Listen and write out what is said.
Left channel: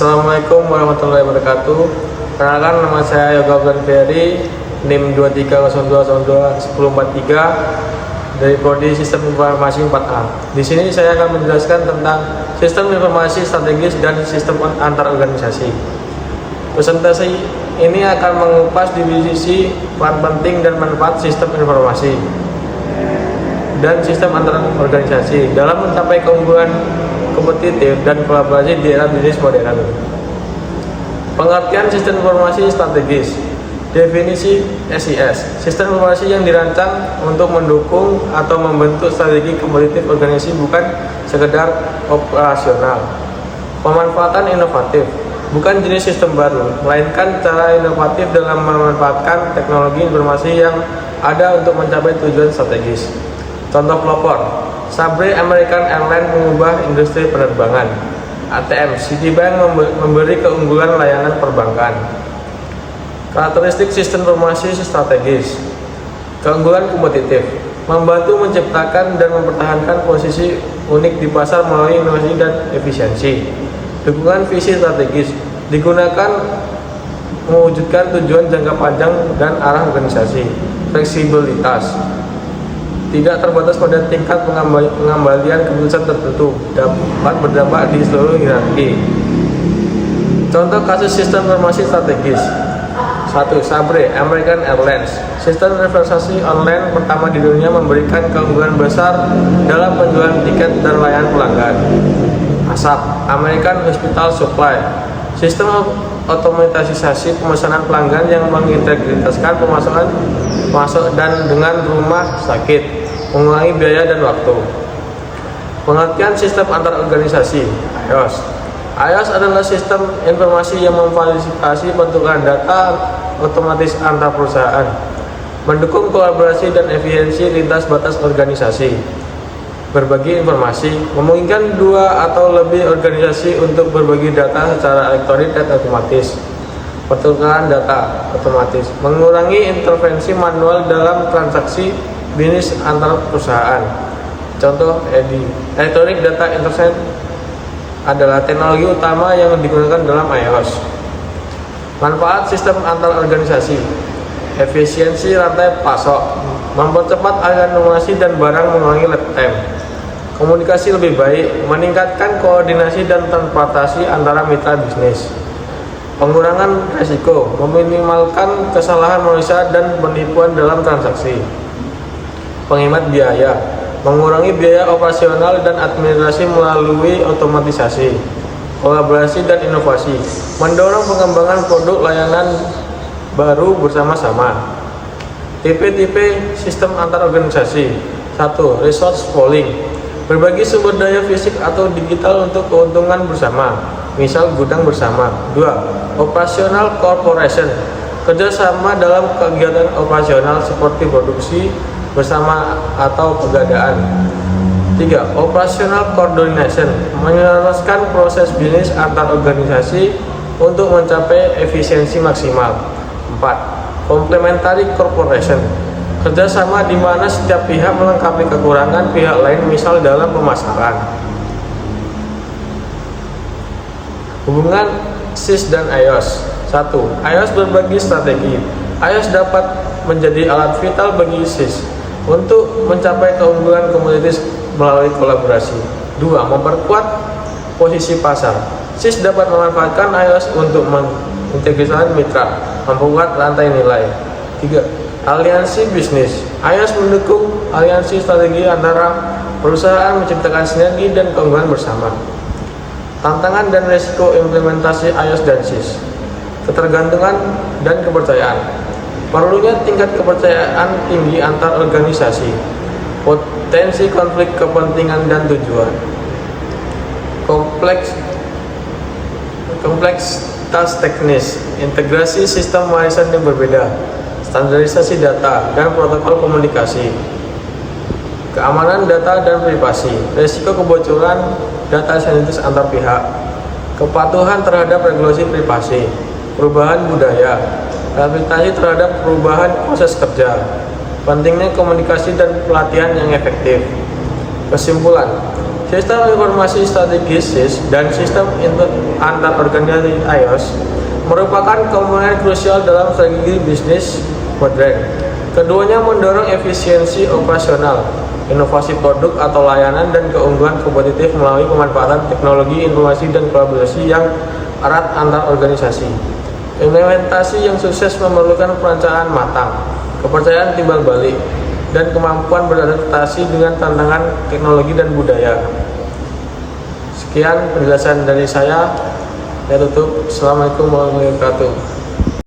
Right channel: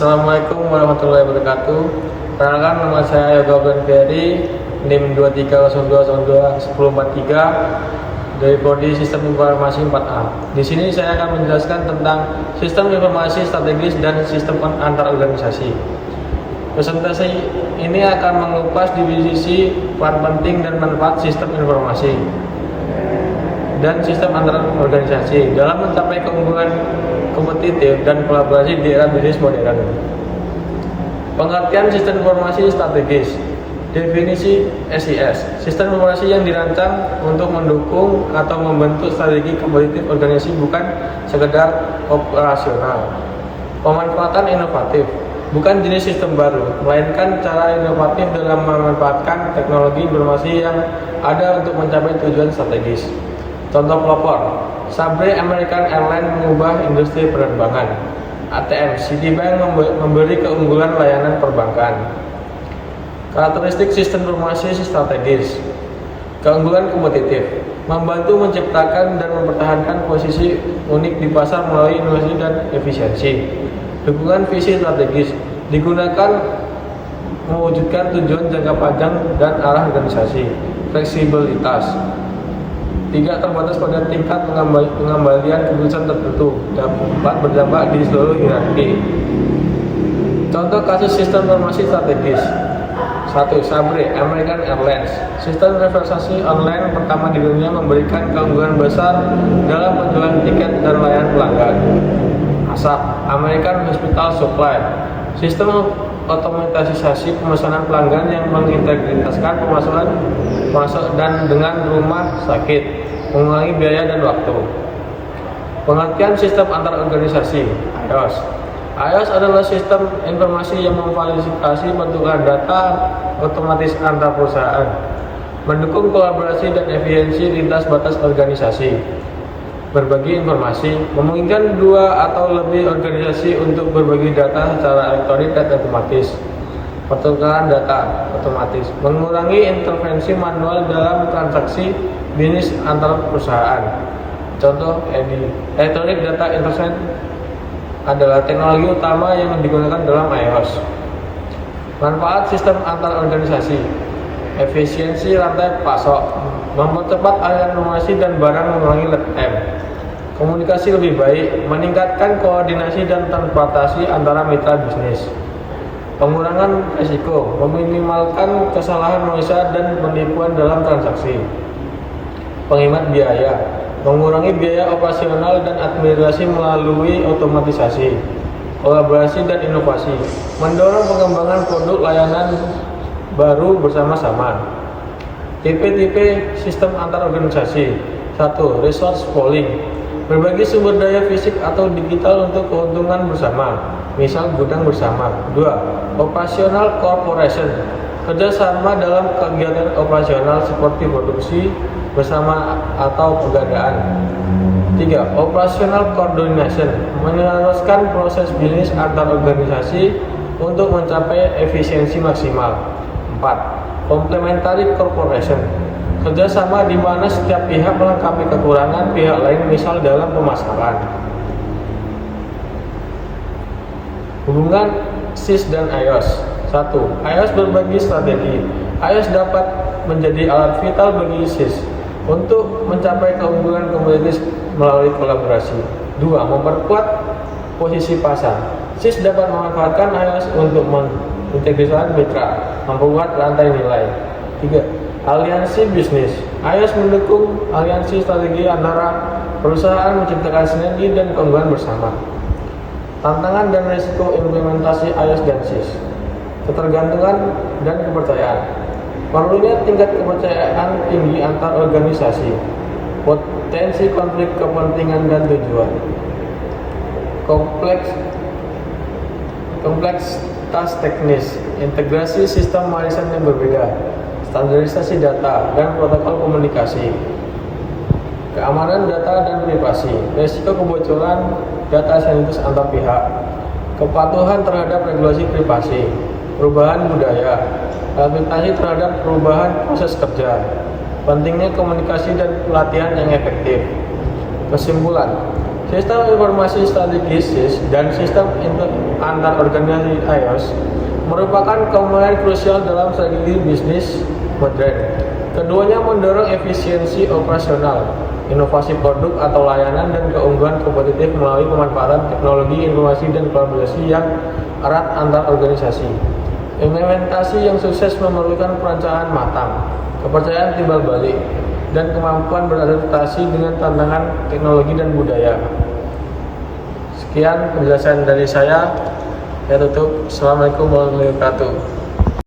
Assalamualaikum warahmatullahi wabarakatuh. Perkenalkan, nama saya Yoga Ferry, NIM 2302021043 dari Prodi Sistem Informasi 4A. Di sini saya akan menjelaskan tentang sistem informasi strategis dan sistem antar organisasi. Presentasi ini akan mengupas divisi peran penting dan manfaat sistem informasi dan sistem antar organisasi dalam mencapai keunggulan kompetitif dan kolaborasi di era bisnis modern. Pengertian sistem informasi strategis. Definisi SIS, sistem informasi yang dirancang untuk mendukung atau membentuk strategi kompetitif organisasi, bukan sekedar operasional. Pemanfaatan inovatif, bukan jenis sistem baru, melainkan cara inovatif dalam memanfaatkan teknologi informasi yang ada untuk mencapai tujuan strategis. Contoh pelopor, Sabre American Airlines mengubah industri penerbangan. ATM Citibank memberi keunggulan layanan perbankan. Karakteristik sistem informasi strategis. Keunggulan kompetitif, membantu menciptakan dan mempertahankan posisi unik di pasar melalui inovasi dan efisiensi. Dukungan visi strategis, digunakan mewujudkan tujuan jangka panjang dan arah organisasi. Fleksibilitas, tidak terbatas pada tingkat pengembalian keputusan tertentu, dapat berdampak di seluruh hierarki. Contoh kasus sistem informasi strategis. 1. Sabre American Airlines, sistem reservasi online pertama di dunia, memberikan keunggulan besar dalam penjualan tiket dan layanan pelanggan. ASAP American Hospital Supply, sistem otomatisasi pemesanan pelanggan yang mengintegrasikan pemesanan masuk dan dengan rumah sakit, mengurangi biaya dan waktu. Pengertian sistem antar organisasi. iOS adalah sistem informasi yang memfasilitasi bentukan data otomatis antar perusahaan, mendukung kolaborasi dan efisiensi lintas batas organisasi. Berbagi informasi, memungkinkan dua atau lebih organisasi untuk berbagi data secara elektronik dan otomatis. Pertukaran data otomatis, mengurangi intervensi manual dalam transaksi bisnis antar perusahaan. Contoh EDI, Electronic Data Interchange, adalah teknologi utama yang digunakan dalam iOS. Manfaat sistem antar organisasi. Efisiensi rantai pasok, mempercepat aliran informasi dan barang, mengurangi lead time. Komunikasi lebih baik, meningkatkan koordinasi dan transportasi antara mitra bisnis. Pengurangan risiko, meminimalkan kesalahan manusia dan penipuan dalam transaksi. Penghemat biaya, mengurangi biaya operasional dan administrasi melalui otomatisasi. Kolaborasi dan inovasi, mendorong pengembangan produk layanan baru bersama-sama. Tipe-tipe sistem antar organisasi. 1. Resource pooling, berbagi sumber daya fisik atau digital untuk keuntungan bersama, misal gudang bersama. 2. Operational corporation, kerjasama dalam kegiatan operasional seperti produksi bersama atau pegadaan. 3. Operational coordination, menyelaraskan proses bisnis antar organisasi untuk mencapai efisiensi maksimal. 4. Complementary corporation, kerjasama di mana setiap pihak melengkapi kekurangan pihak lain, misal dalam pemasaran. Hubungan SIS dan iOS. 1. iOS berbagi strategi. iOS dapat menjadi alat vital bagi SIS untuk mencapai keunggulan kompetitif melalui kolaborasi. 2. Memperkuat posisi pasar. SIS dapat memanfaatkan iOS untuk mengintegrasikan mitra, membuat rantai nilai. 3. Aliansi bisnis. iOS mendukung aliansi strategi antara perusahaan, menciptakan sinergi dan keunggulan bersama. Tantangan dan risiko implementasi iOS dan SIS. Ketergantungan dan kepercayaan. Perlunya tingkat kepercayaan tinggi antar organisasi. Potensi konflik kepentingan dan tujuan. Kompleksitas teknis. Integrasi sistem warisan yang berbeda. Standarisasi data dan protokol komunikasi. Keamanan data dan privasi. Risiko kebocoran data sensitif antar pihak. Kepatuhan terhadap regulasi privasi. Perubahan budaya. Adaptasi terhadap perubahan proses kerja. Pentingnya komunikasi dan pelatihan yang efektif. Kesimpulan, Sistem informasi strategis (SIS) dan sistem antar organisasi (IOS) merupakan komponen krusial dalam strategi bisnis modern. Keduanya mendorong efisiensi operasional, inovasi produk atau layanan, dan keunggulan kompetitif melalui pemanfaatan teknologi informasi dan kolaborasi yang erat antar organisasi. Implementasi yang sukses memerlukan perencanaan matang, kepercayaan timbal balik, dan kemampuan beradaptasi dengan tantangan teknologi dan budaya. Sekian penjelasan dari saya. Saya tutup. Assalamualaikum warahmatullahi wabarakatuh.